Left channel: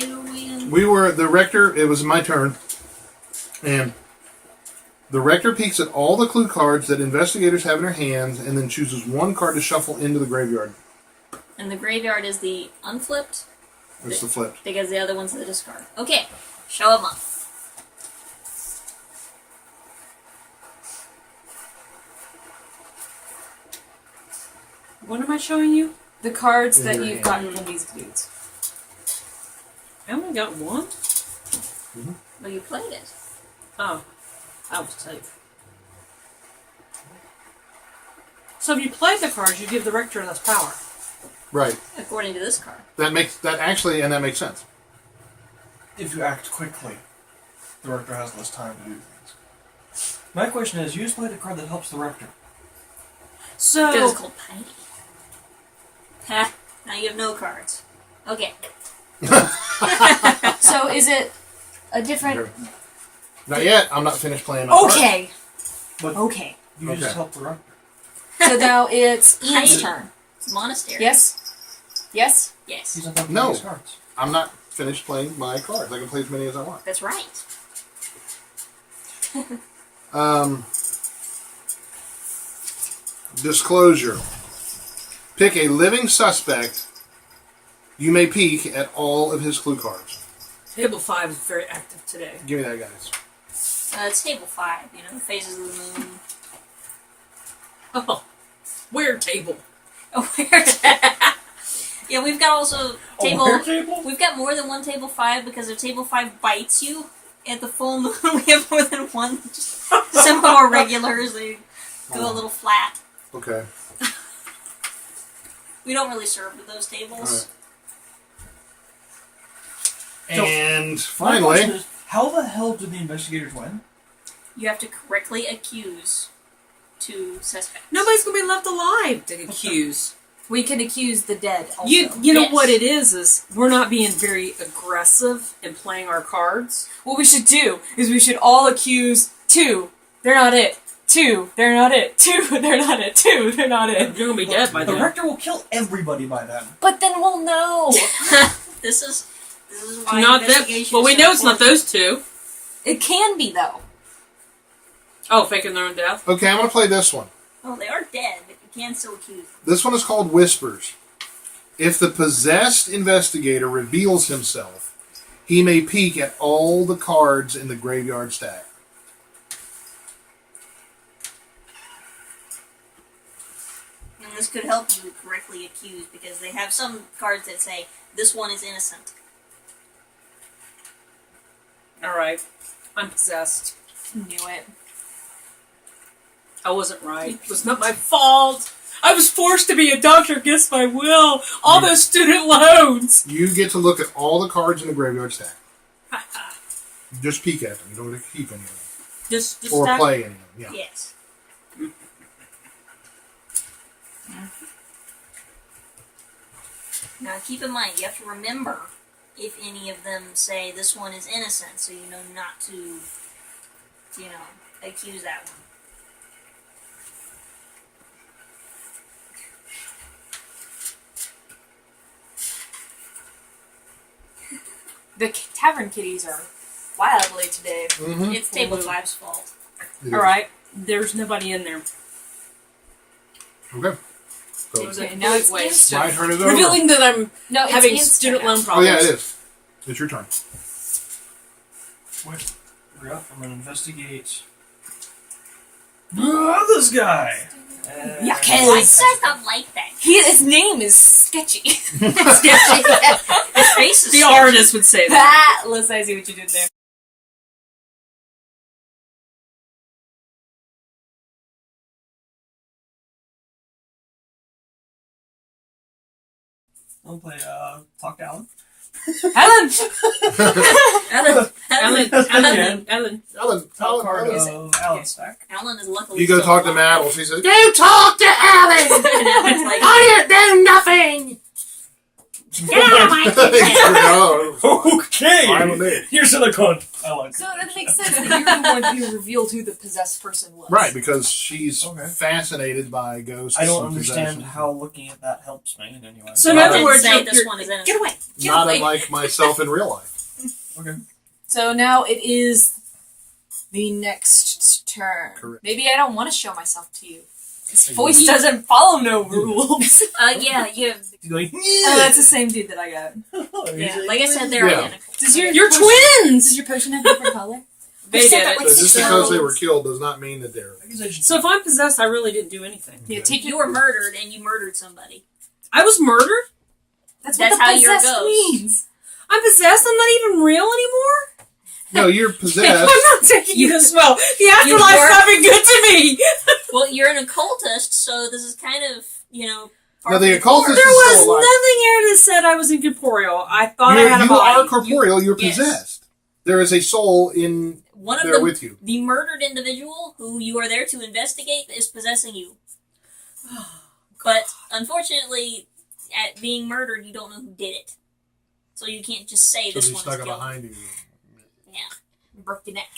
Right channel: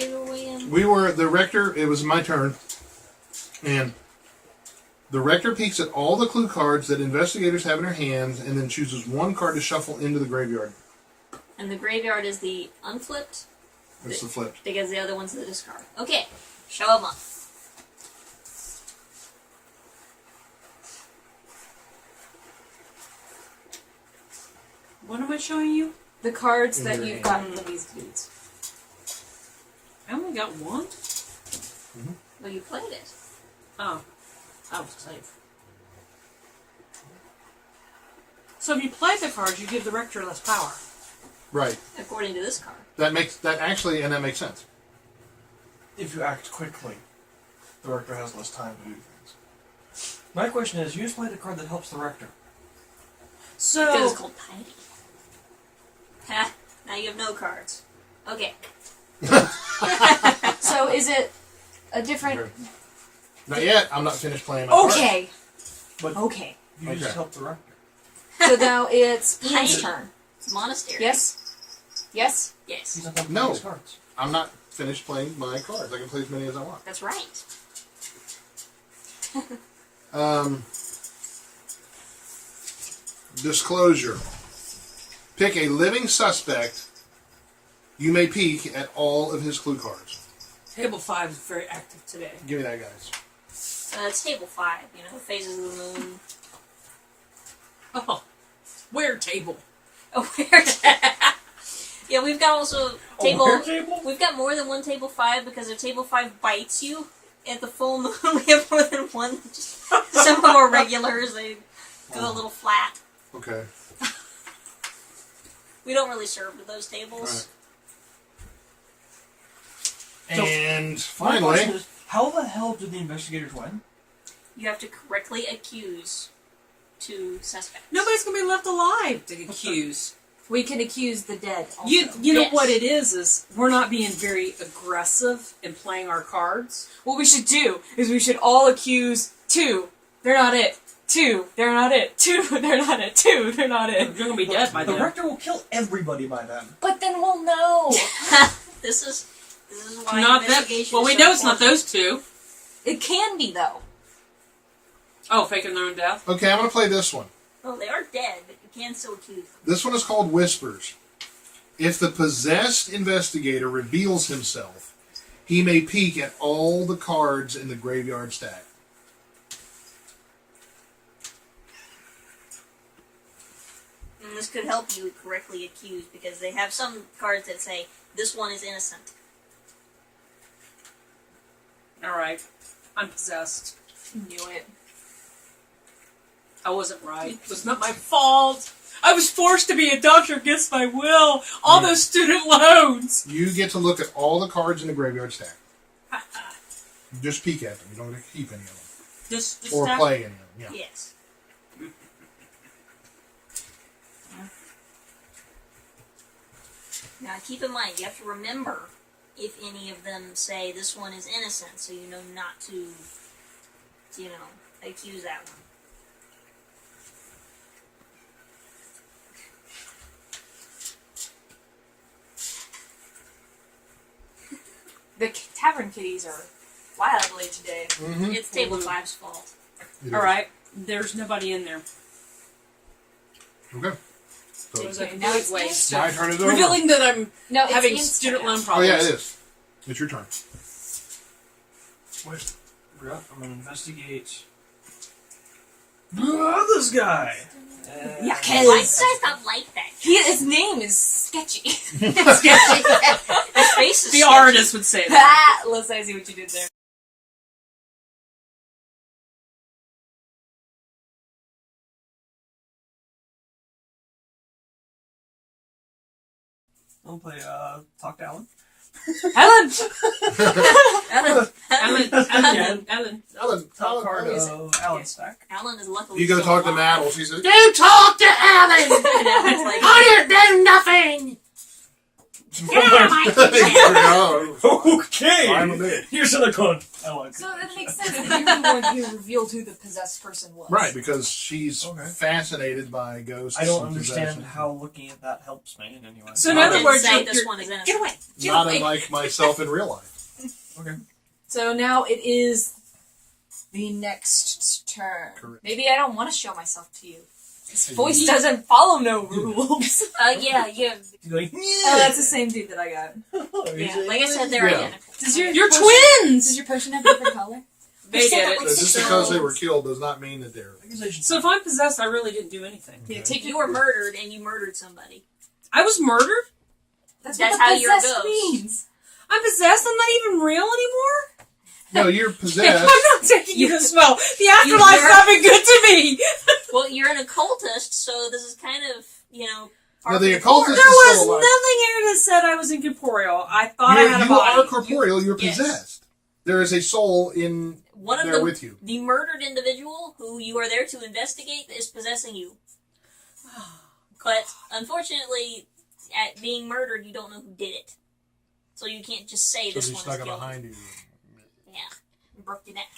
phase were we in? We were the rector. It was my turn, and the rector peeks at all the clue cards that investigators have in their hands, and then chooses one card to shuffle into the graveyard. And the graveyard is the unflipped. It's the flip. Because the other one's the discard. Okay, show them up. What am I showing you? The cards In that your you've hand. gotten from these dudes. I only got one? Well, you played it. Oh. I was safe. So if you play the cards, you give the rector less power. Right. According to this card. That makes sense. If you act quickly, the rector has less time to do things. My question is, you just play the card that helps the rector. Because So, it's called Piety. Ha! Now you have no cards. Okay. So is it a different... Not yet. I'm not finished playing my card. Okay. But Okay. you Okay. just help the rector. So now it's Ian's Piety. turn. It's Monastery. Yes? Yes? Yes. He's not helping No. these cards. I'm not finished playing my cards. I can play as many as I want. That's right. Disclosure. Pick a living suspect. You may peek at all of his clue cards. table 5 is very active today. Give me that, guys. It's table 5, Phases of the Moon. Oh. Weird table. Oh, weird. Yeah, we've got also table... A table? We've got more than one table 5 because if table 5 bites you at the full moon, we have more than one. Just some of them are regulars. They go a little flat. Okay. We don't really serve to those tables. All right. And My finally, question is, how the hell did the investigators win? You have to correctly accuse 2 suspects. Nobody's going to be left alive to accuse. We can accuse the dead also. You know Yes. what it is we're not being very aggressive in playing our cards. What we should do is we should all accuse 2. They're not it. 2. They're not it. 2. They're not it. 2. They're not You're it. going to be dead by The then. rector will kill everybody by then. But then we'll know. This is why Not that. investigation Well, we is so know it's not important. those 2. It can be, though. Oh, faking their own death? okay, I'm going to play this one. Oh, they are dead, but you can still accuse them. This one is called Whispers. If the possessed investigator reveals himself, he may peek at all the cards in the graveyard stack. And this could help you correctly accuse because they have some cards that say, this one is innocent. Alright. I'm possessed. Knew it. I wasn't right. It was not my fault. I was forced to be a doctor against my will. All those student loans. You get to look at all the cards in the graveyard stack. Just peek at them. You don't get to keep any of them. Just Or stack- play any of them. Yeah. Yes. Now keep in mind, you have to remember if any of them say this one is innocent, so you know not to, accuse that one. The tavern kitties are wildly today. Mm-hmm. It's table 5's fault. Alright. There's nobody in there. Okay. It So, was a Okay, now it's complete waste my of turn is over. revealing that I'm No, it's having Ian's student turn now. loan Oh, problems. yeah, it is. It's your turn. Wait, I'm gonna investigate. This guy! Yeah, Why does that not like that? His name is Sketchy. Sketchy. His face is The sketchy. artist would say that. Let's see what you did there. I'll play, Talk to Alan. Alan! Ellen. Top card Ellen. of Alan's stack. Alan is luckily You go still talk to alive. Matt. She says, You talk to Alan! And Alan's like, I didn't do nothing! Get out of my kitchen! No, Okay. I'm a man. Here's another cunt. I like So it. that makes sense that you're the one who revealed who the possessed person was. Right, because she's Okay. fascinated by ghosts. I don't and understand possession. how looking at that helps me in any way. So in Not other a- words, say you're, this one is innocent. get away. Get Not away. unlike myself in real life. Okay. So now it is the next turn. Correct. Maybe I don't want to show myself to you. This voice doesn't follow no rules. Yeah, you have, He's going, Oh, that's the same dude that I got. yeah, like I said, they're Yeah. identical. Does your You're potion- twins! Does your potion have a different color? They said did that it. like So six just because they times. were killed does not mean that they're. So if I'm possessed, I really didn't do anything. Yeah, take You were murdered and you murdered somebody. I was murdered? That's That's what the how you're a possessed ghost. means. I'm possessed? I'm not even real anymore? No, you're I'm possessed. not taking you as well. The You afterlife's were- not been good to me. Well, you're an occultist, so this is kind of, No, the occultist There is was still alive. nothing here that said I was incorporeal. I thought I had a You body. are corporeal. You're Yes. possessed. There is a soul in One of there the with you. the murdered individual who you are there to investigate is possessing you. But unfortunately, at being murdered, you don't know who did it, so you can't just say So this they one snuck is it guilty. behind you. Yeah, broke your neck.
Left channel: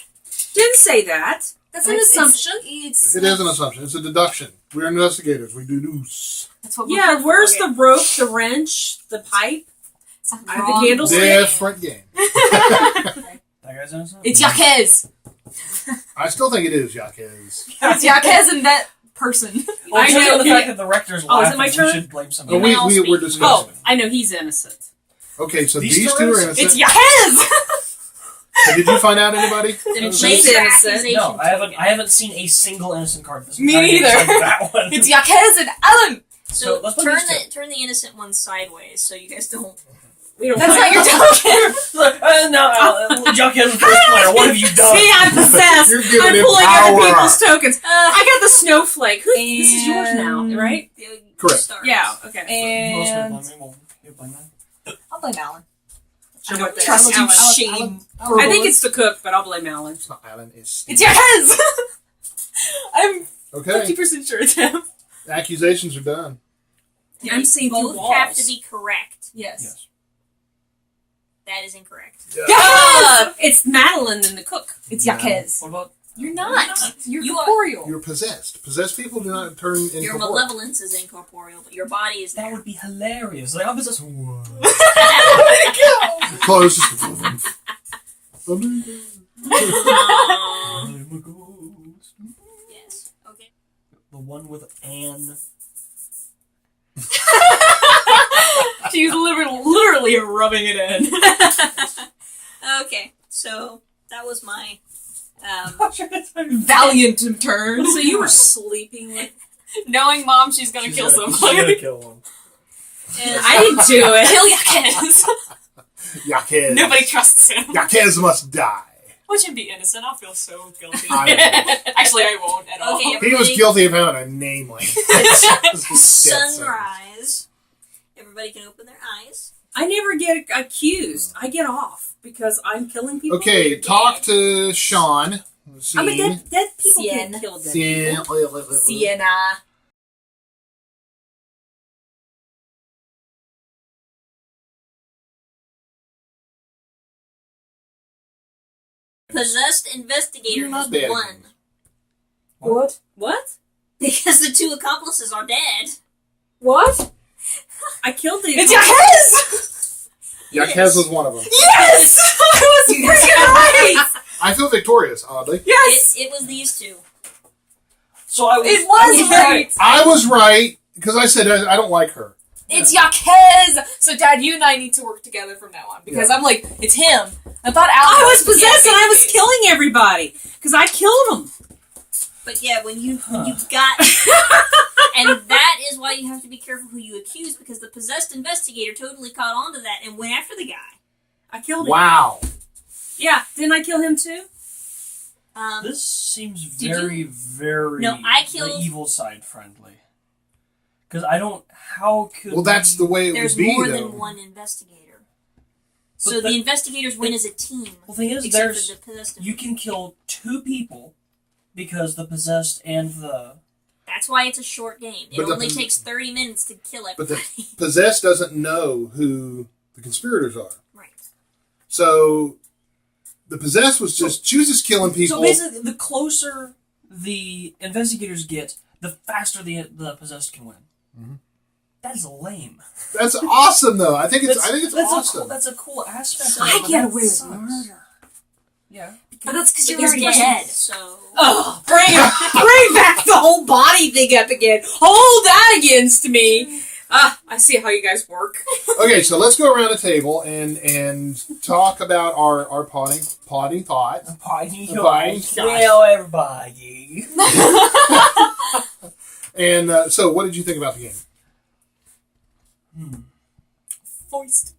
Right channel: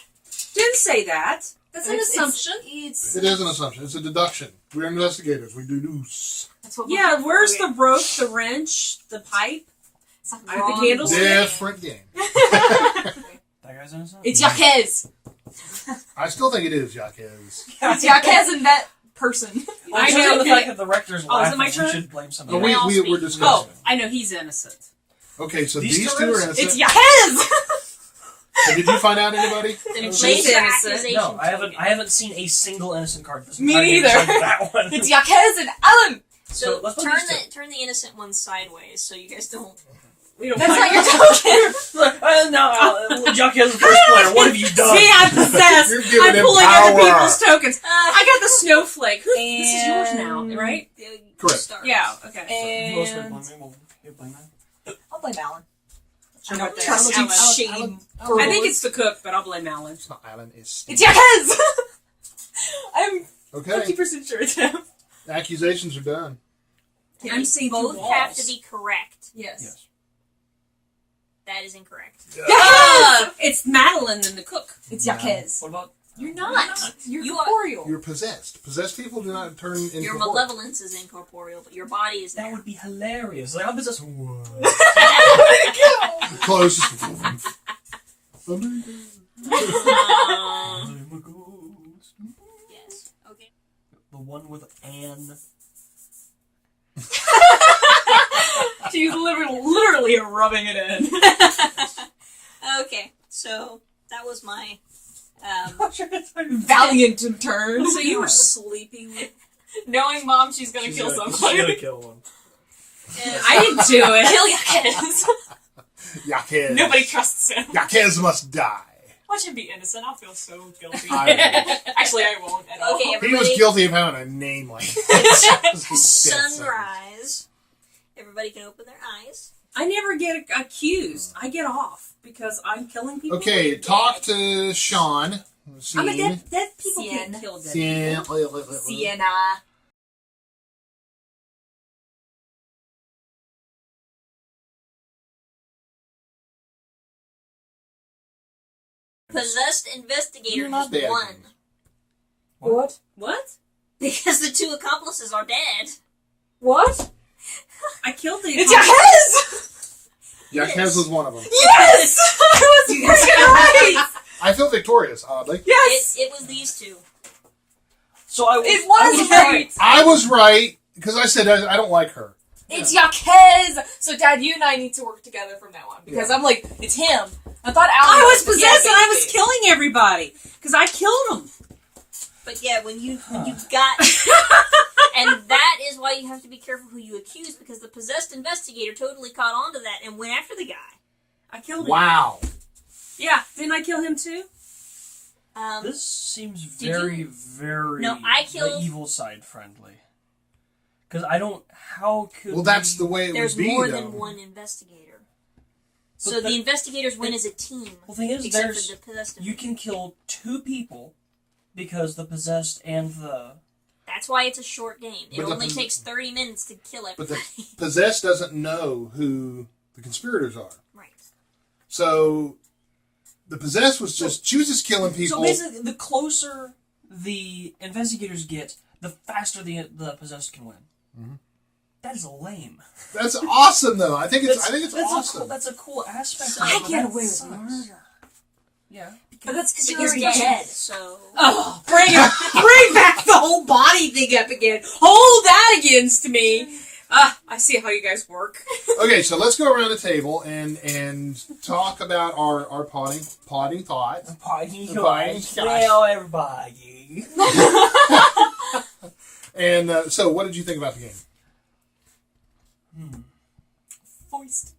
Didn't say that. That's an It's- assumption. It's It is an assumption. It's a deduction. We're investigators. We do news. That's what we're Yeah, here for. where's Okay. the rope, the wrench, the pipe? It's not the wrong. candlestick? Different game. That guy's innocent? It's Yaquez. I still think it is Yaquez. It's Yaquez and that person. Well, I I know know. the fact that the rector's Oh, is laughing, it my we turn? should blame somebody. Oh, we, may all we, we're speak. discussing. Oh, I know he's innocent. Okay, so These these two two are are innocent. It's Yaquez. So did you find out anybody? Then She's place your innocent. accusation. No, I haven't seen a single innocent card this Me entire game neither. besides that one. It's Yaquez and Alan. So let's put turn these two. the innocent one sideways so you guys don't. We don't That's want not your token. No, Jockey has the first player. What have you done? See, I'm possessed. You're giving I'm him pulling power. other people's tokens. Uh, I got the snowflake. This is yours now, And- right? Correct. Start. Yeah. Okay. Who else And can blame me? Well, you blame that. I'll blame Alan. I don't Trust trust you, Alan. shame. Alan. I think it's the cook, but I'll blame Alan. It's not Alan. It's It's Yaquez. I'm Okay. 50% sure it's him. Accusations are done. I'm seeing through Both have to walls. be correct. Yes. Yes. That is incorrect. It's Madeline and the cook. It's No. Yaquez. What about? You're not. You're You are- corporeal. You're possessed. Possessed people do not turn into Your malevolence is incorporeal, but your body is That there. would be hilarious. Like, I'm just. close. I'm a ghost. Yes. Okay. The one with Anne. She's literally rubbing it in. Okay. So that was my. Valiant in turn. So you were sleeping with. Knowing mom, she's gonna kill She's somebody. gonna kill one. And I didn't do it. Kill Yaquez. Yaquez. Nobody trusts him. Yaquez must die. Watch him be innocent. I'll feel so guilty. I Actually, I won't at all. Okay, He was guilty of having a name like that. sunrise. Everybody can open their eyes. I never get accused. I get off because I'm killing people. Okay, Dead. talk to Sean. I'm a dead people Cien. can't kill dead people. Sienna. Possessed investigator You're has not dead. won What? What? because the two accomplices are dead. What? I killed the. It's Yaquez! Yaquez was one of them. Yes! I was freaking right! I feel victorious, oddly. Yes! It was these two. So I was. It was right! I was right, because I said I don't like her. It's Yaquez! So, Dad, you and I need to work together from now on. Because I'm like, it's him. I thought Alan I was yeah, possessed and I was baby. killing everybody because I killed them. But yeah, when you got, and that is why you have to be careful who you accuse, because the possessed investigator totally caught on to that and went after the guy. I killed him. Wow. Yeah, didn't I kill him too? This seems Did very, you- very No, I killed- the evil side friendly. Because I don't. How could? Well, that's the way it There's would be, more though. than one investigator. So But the that- investigators win as a team. Well, the thing is, Except there's for the possessed you can kill two people because the possessed and the That's why it's a short game. It But the only pos- takes 30 minutes to kill But everybody. the possessed doesn't know who the conspirators are. Right. So the possessed was just, she was just killing people. So basically, the closer the investigators get, the faster the possessed can win. Mm-hmm. That is lame. That's awesome, though. I think it's awesome. That's a cool aspect. So of it, I but get that away with sucks. murder. Yeah. But that's because you're Because already you're dead. dead, so... Oh, bring back the whole body thing up again. Hold that against me. I see how you guys work. Okay, so let's go around the table and talk about our potting thoughts. Party Party. Well, everybody. And so, what did you think about the game? Voiced.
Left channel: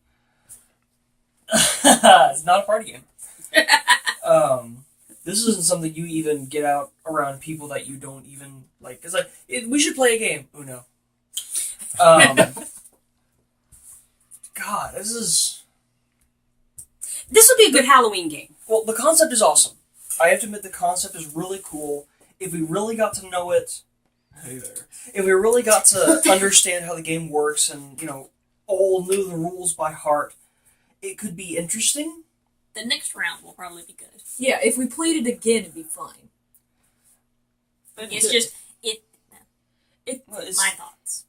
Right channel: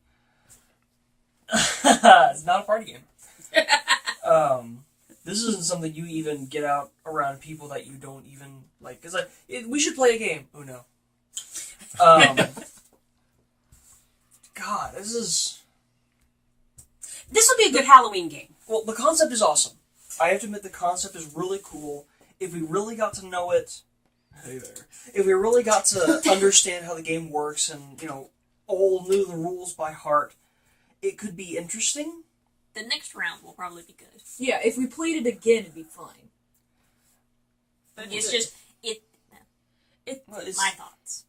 It's not a party game. This isn't something you even get out around people that you don't even like. It's like, we should play a game. Uno. God, This would be a good Halloween game. well, the concept is awesome. I have to admit, the concept is really cool. If we really got to know it, hey there. If we really got to understand how the game works and, all knew the rules by heart, it could be interesting. The next round will probably be good. Yeah, if we played it again, it'd be fine. But it's just... Well, it's- my thoughts.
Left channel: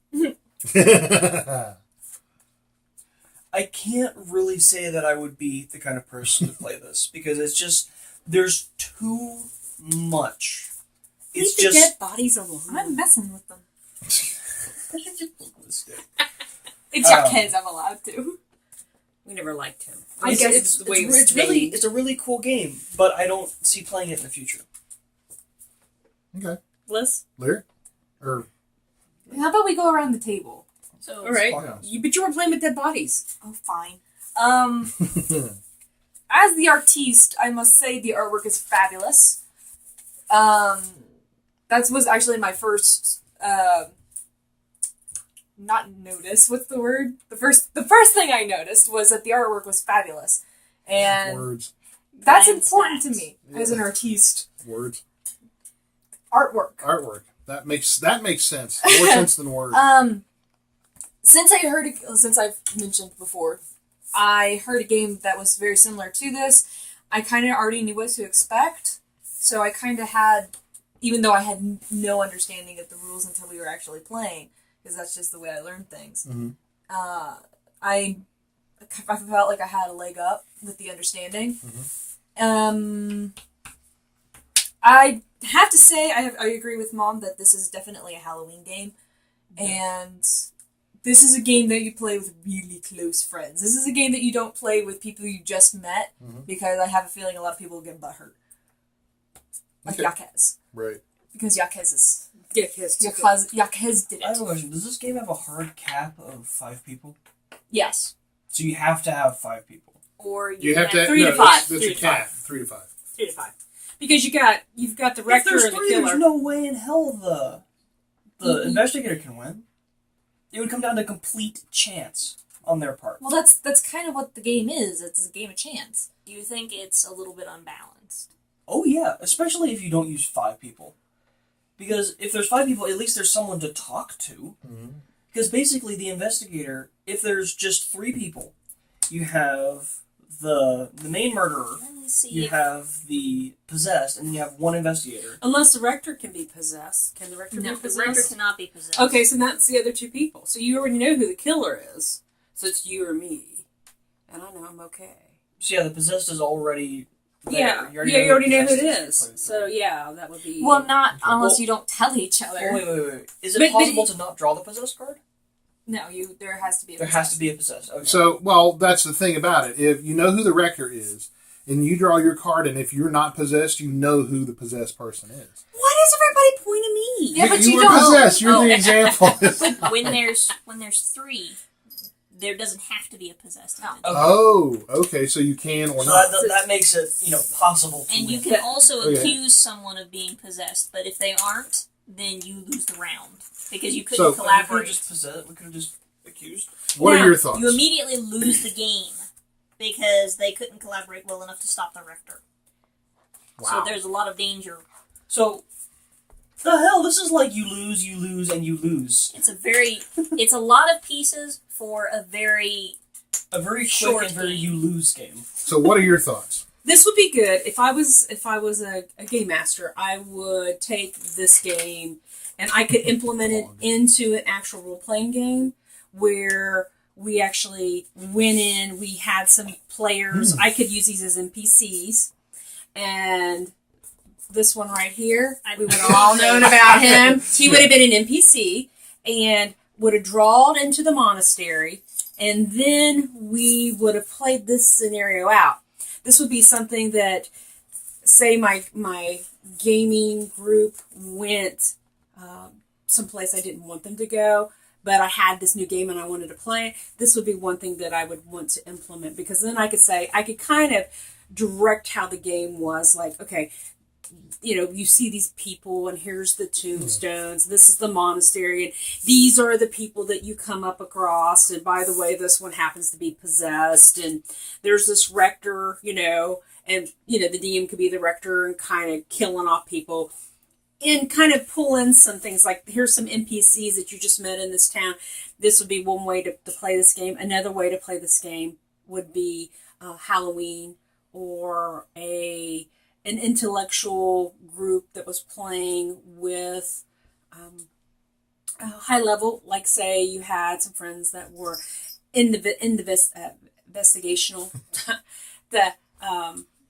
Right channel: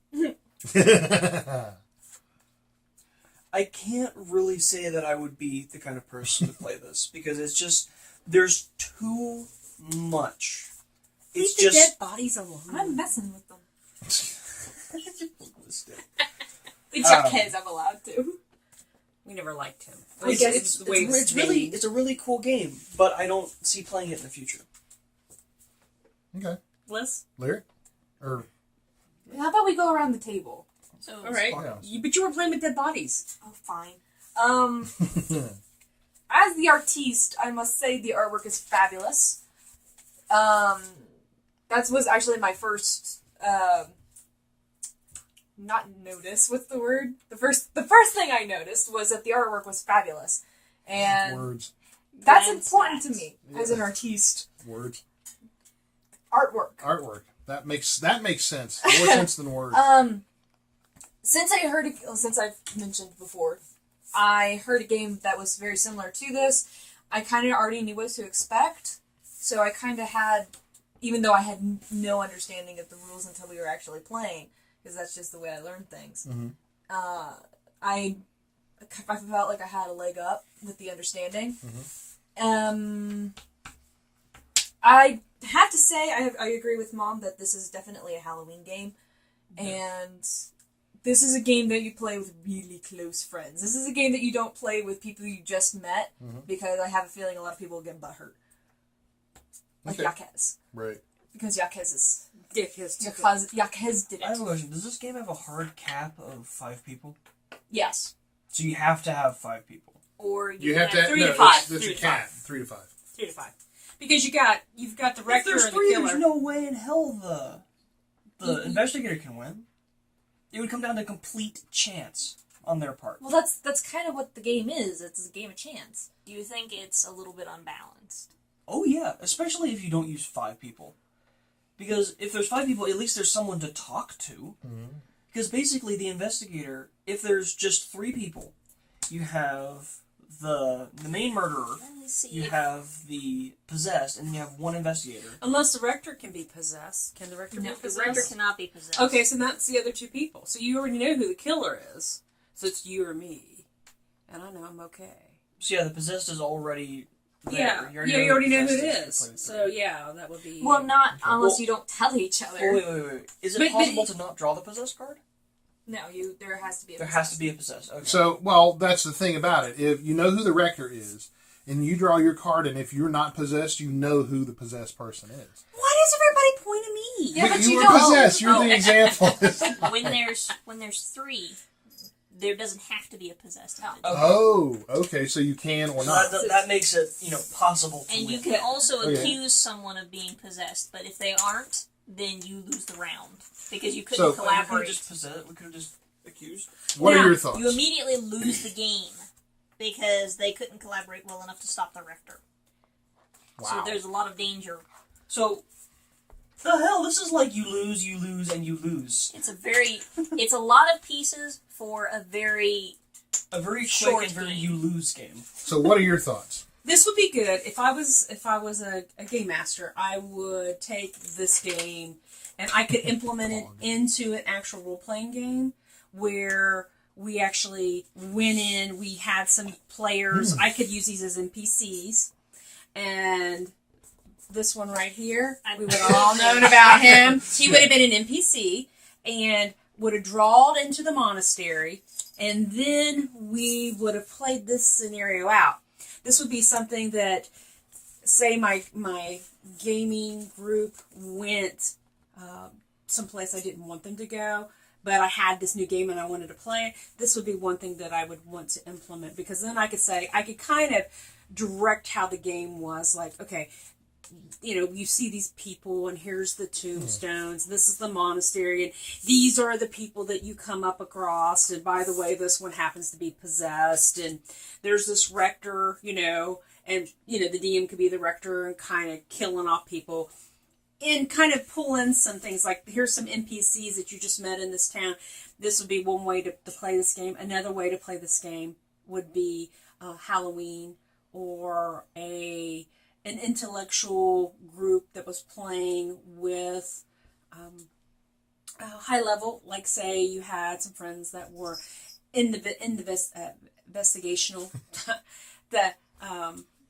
I can't really say that I would be the kind of person to play this because it's just there's too much. It's Leave the just dead bodies alone. I'm messing with them. It's Um, Jaquez, I'm allowed to. We never liked him. I guess it's the way it's made. really it's a really cool game, but I don't see playing it in the future. Okay, Liz? Larry, or How about we go around the table? So, All right. Fuck. But you were playing with dead bodies. Oh, fine. As the artiste, I must say the artwork is fabulous. That was actually my first, not notice. What's the word? The first thing I noticed was that the artwork was fabulous, and words, that's Glance important to that. me as an artiste. words, Artwork. artwork. That makes sense. More sense than words. Since I've mentioned before, I heard a game that was very similar to this. I kind of already knew what to expect, so I kind of had, even though I had no understanding of the rules until we were actually playing, because that's just the way I learned things. Mhm. I felt like I had a leg up with the understanding. I have to say I agree with Mom that this is definitely a Halloween game, and this is a game that you play with really close friends. This is a game that you don't play with people you just met, because I have a feeling a lot of people will get butthurt. Like Okay. Yaquez. Right. Because Yaquez is... Yaquez Yaquez did I have it. a question. Does this game have a hard cap of 5 people? Yes. So you have to have 5 people. or You have to 3 to no, 5. That's 3 a to cap. 5. 3 to 5. 3 to 5. Because you've got the If rector there's and the 3, killer. there's no way in hell the investigator can win. It would come down to complete chance on their part. Well, that's kind of what the game is. It's a game of chance. Do you think it's a little bit unbalanced? Oh yeah, especially if you don't use 5 people. Because if there's 5 people, at least there's someone to talk to. Because basically the investigator, if there's just 3 people, you have the main murderer, Let me see. you have the possessed, and then you have one investigator. Unless the rector can be possessed. Can the rector No, be the possessed? rector cannot be possessed. Okay, so that's the other 2 people. So you already know who the killer is. So it's you or me. And I know I'm okay. So yeah, the possessed is already there. Yeah, You you already know who it the possessed is. if you play the So yeah, that would be... Well, not unless Well- you don't tell each other. Oh, wait. Is it But- possible to not draw the possessed card? No, there has to be a There has to be a possessed. Okay. So, well, that's the thing about it. If you know who the rector is, and you draw your card, and if you're not possessed, you know who the possessed person is. Why does everybody point at me? Yeah, but you were don't- possessed. You're Oh. the example. when there's 3, there doesn't have to be a possessed entity. Okay. Oh, okay. So you can or So not. that makes it, possible to And win. you can also Okay. accuse someone of being possessed, but if they aren't, then you lose the round because you So- couldn't We could have collaborate. just possessed. We could have just accused. What Now, are your thoughts? You immediately lose the game because they couldn't collaborate well enough to stop the rector. So Wow. there's a lot of danger. So, The hell? This is like you lose, and you lose. It's a lot of pieces for a very quick short and very game. you lose game. So, what are your thoughts? This would be good if I was a game master. I would take this game and I could implement it into an actual role playing game where we actually went in. We had some players. I could use these as NPCs, and this one right here, we would have all known about him. He would have been an NPC and would have drawed into the monastery, and then we would have played this scenario out. This would be something that, say, my gaming group went someplace I didn't want them to go, but I had this new game and I wanted to play it. This would be one thing that I would want to implement, because then I could kind of direct how the game was. Like, okay, you see these people, and here's the tombstones. This is the monastery, and these are the people that you come up across. And by the way, this one happens to be possessed. And there's this rector, and the DM could be the rector and kind of killing off people, and kind of pull in some things like, here's some NPCs that you just met in this town. This would be one way to play this game. Another way to play this game would be Halloween, or an intellectual group that was playing with high level, like, say you had some friends that were investigational, that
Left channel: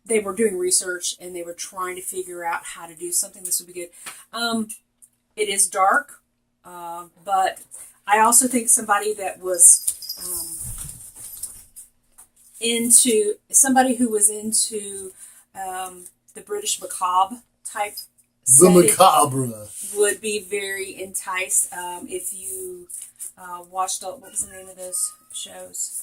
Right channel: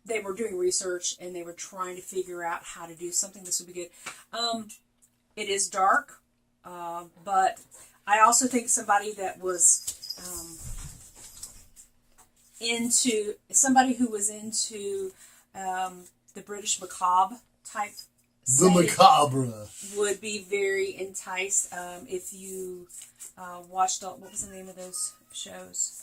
they were doing research and they were trying to figure out how to do something. This would be good. It is dark, but I also think somebody that was somebody who was into the British macabre type setting macabre would be very enticed. If you watched, what was the name of those shows?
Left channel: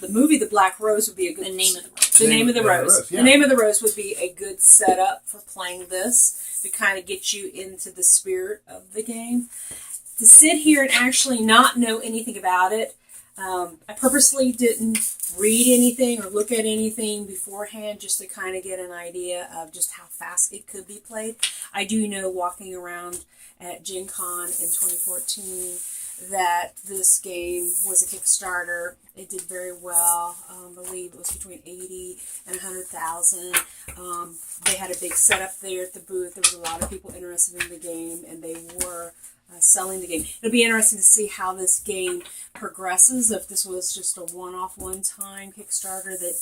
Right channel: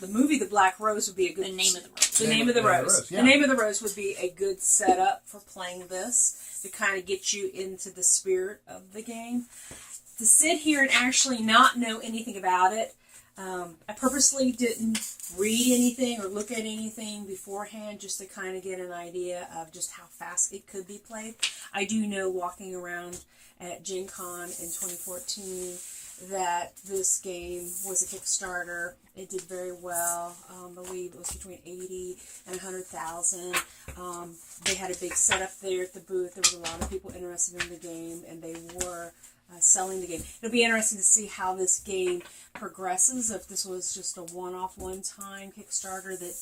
The movie The Black Rose would be a good. The Name of the Rose. The Name of the Rose. Yeah. The Name of the Rose would be a good setup for playing this, to kind of get you into the spirit of the game. To sit here and actually not know anything about it. I purposely didn't read anything or look at anything beforehand, just to kind of get an idea of just how fast it could be played. I do know, walking around at Gen Con in 2014, that this game was a Kickstarter. It did very well. I believe it was between 80 and 100,000. They had a big setup there at the booth. There was a lot of people interested in the game, and they were selling the game. It'll be interesting to see how this game progresses, if this was just a one-off, one-time Kickstarter that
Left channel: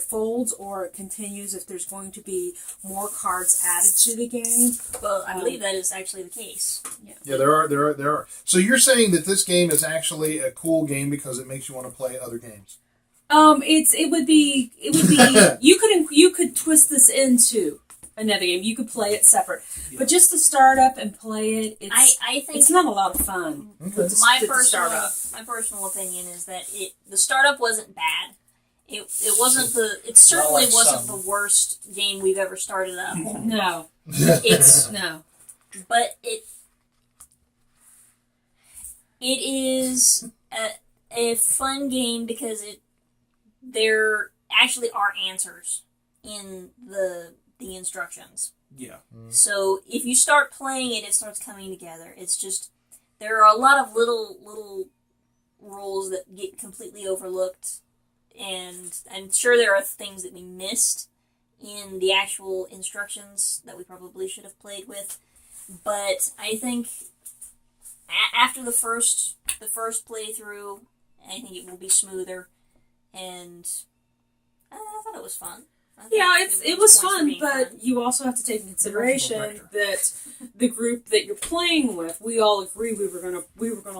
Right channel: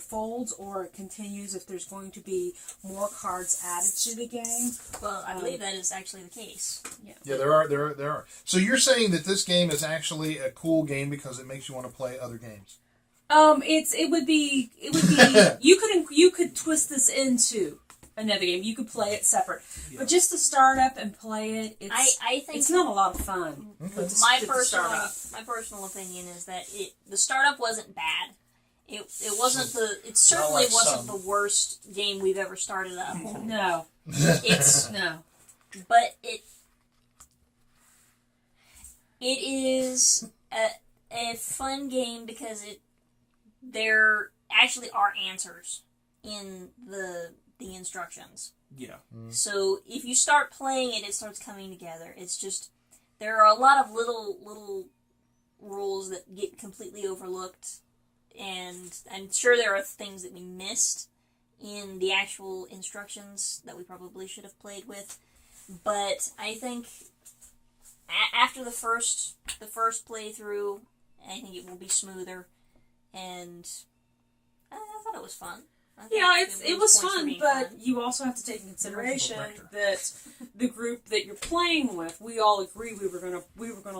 folds, or it continues, if there's going to be more cards added to the game. Well, I believe that is actually the case. Yeah, there are. So you're saying that this game is actually a cool game because it makes you want to play other games? It would be you could twist this into another game. You could play it separate, but just to start up and play it, I think it's not a lot of fun. Okay. my personal opinion is that the startup wasn't bad. It certainly like wasn't some. the worst game we've ever started up. No, It's no. but it is a fun game because there actually are answers in the instructions. Yeah. So if you start playing it, it starts coming together. It's just, there are a lot of little rules that get completely overlooked, and I'm sure there are things that we missed in the actual instructions that we probably should have played with. But I think after the first playthrough, I think it will be smoother, and I thought it was fun. Yeah, it was points for fun, being but fun. you also have to take into consideration that the group that you're playing with, we all agree we were gonna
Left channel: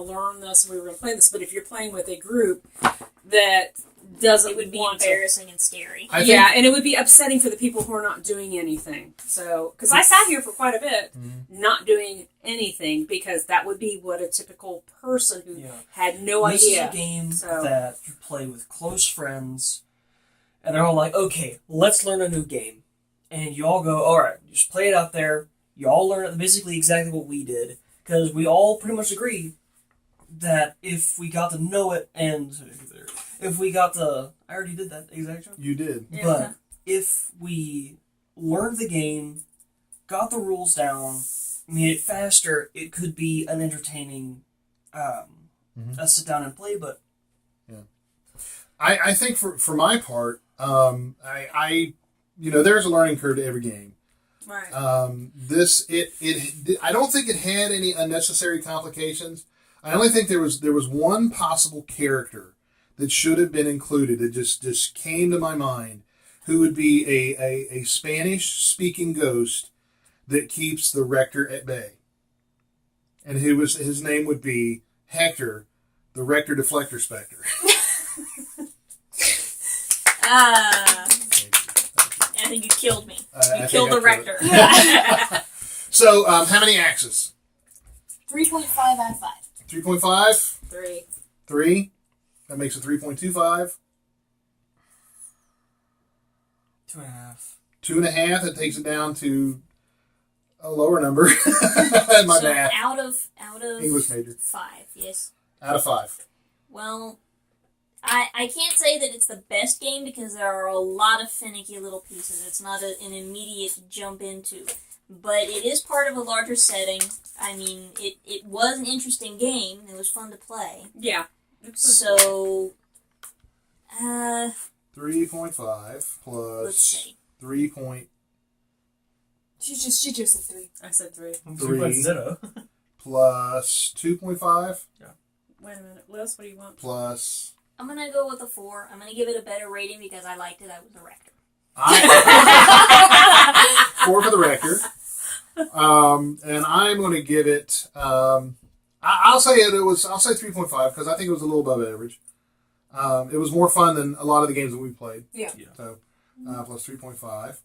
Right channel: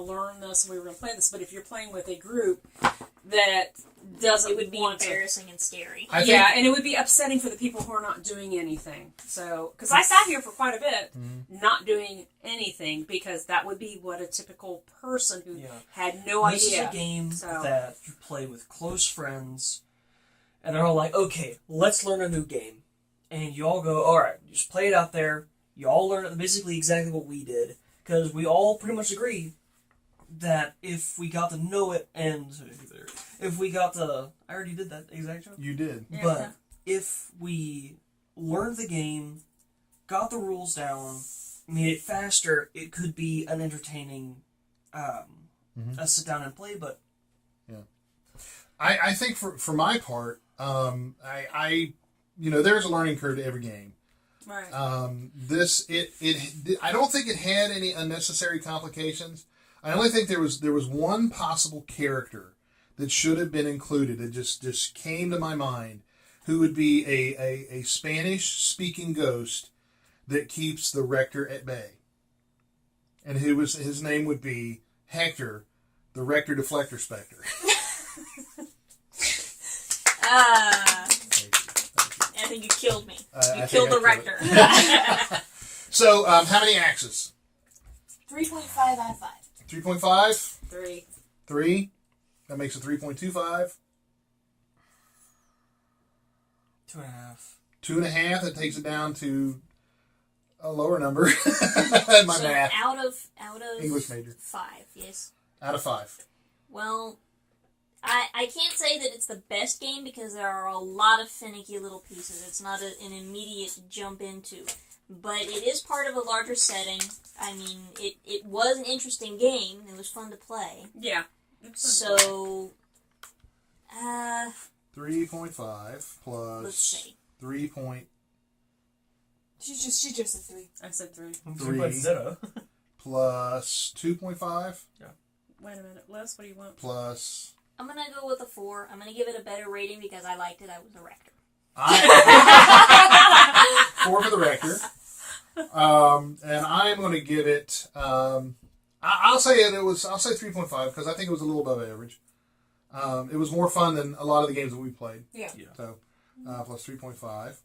learn this and we were gonna play this. But if you're playing with a group that doesn't, it would be want embarrassing and scary. and it would be upsetting for the people who are not doing anything. So, because I sat here for quite a bit, not doing anything, because that would be what a typical person who had no idea. This is a game that you play with close friends, and they're all like, okay, let's learn a new game. And you all go, alright, just play it out there. You all learn basically exactly what we did, because we all pretty much agree that if we got to know it, and if we got to... I already did that exact joke. You did. But if we learned the game, got the rules down, made it faster, it could be an entertaining a sit down and play, but I think for my part, I there's a learning curve to every game. Right. I don't think it had any unnecessary complications. I only think there was one possible character that should have been included. It just came to my mind, who would be a Spanish speaking ghost that keeps the Rector at bay, and his name would be Hector, the Rector Deflector Spectre. I think you killed me. You I killed the think Rector. So, how many axes? 3.5 out of 5. 3.5? 3. 3? That makes it 3.25. 2.5. 2.5, that takes it down to a lower number. My So math. out of English major. 5, yes. Out of 5. Well, I can't say that it's the best game because there are a lot of finicky little pieces. It's not an immediate jump into. But it is part of a larger setting. I mean, it was an interesting game. It was fun to play. Yeah. So, 3.5 plus let's see. 3 point She just said 3. I said 3. 3.0. plus 2.5 Wait a minute, Liz, what do you want? plus I'm going to go with a 4. I'm going to give it a better rating because I liked it. I was a Rector. 4 for the Rector. And I'm going to give it. I'll say 3.5 because I think it was a little above average. It was more fun than a lot of the games that we played. Yeah. So plus 3.5,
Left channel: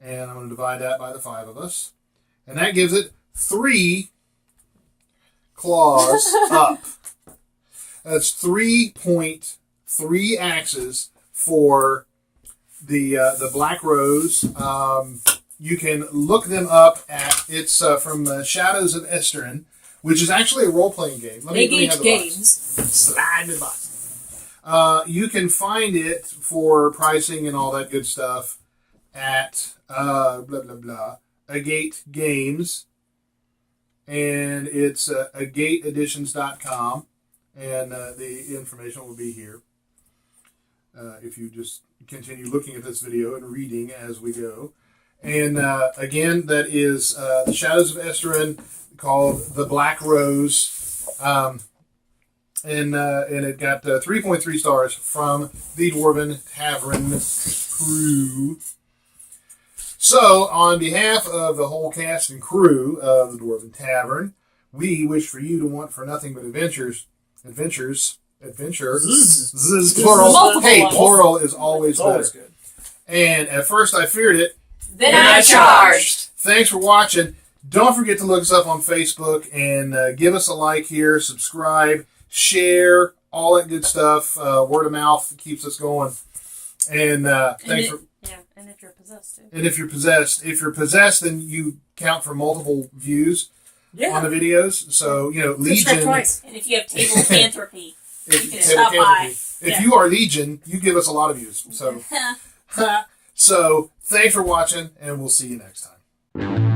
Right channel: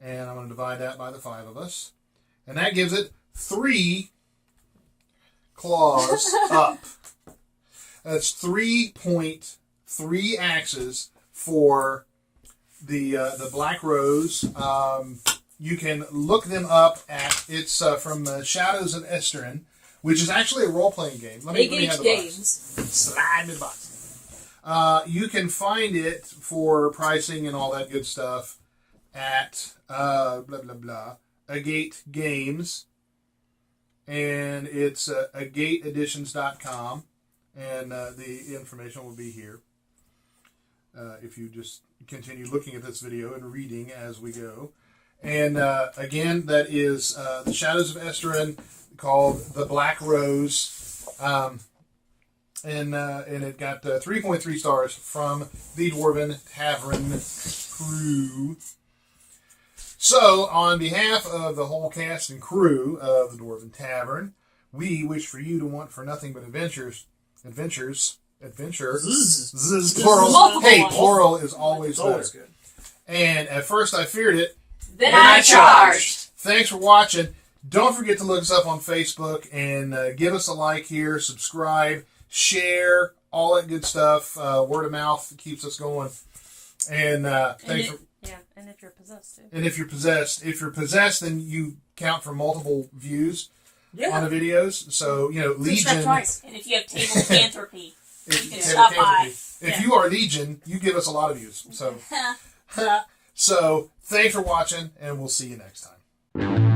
and I'm going to divide that by the 5 of us, and that gives it 3 claws up. That's 3.3 axes for the Black Rose. You can look them up at from Shadows of Esteren, which is actually a role-playing game. Let me have the Games. Slide in the box. You can find it for pricing and all that good stuff at Agate Games, and it's agateeditions.com, and the information will be here. If you just continue looking at this video and reading as we go. And again, that is the Shadows of Esteren, called The Black Rose. And it got 3.3 stars from the Dwarven Tavern crew. So, on behalf of the whole cast and crew of the Dwarven Tavern, we wish for you to want for nothing but adventures. Plural. Hey, plural is always better. Good. And at first I feared it. Then I charged. Thanks for watching. Don't forget to look us up on Facebook and give us a like here, subscribe, share, all that good stuff. Word of mouth keeps us going. And thanks for. Yeah, and if you're possessed too. And if you're possessed, then you count for multiple views Yeah. on the videos. So Legion. Twice. And if you have tablethantropy, If you can stop by. If you are Legion, you give us a lot of views. So, so thanks for watching, and we'll see you next time.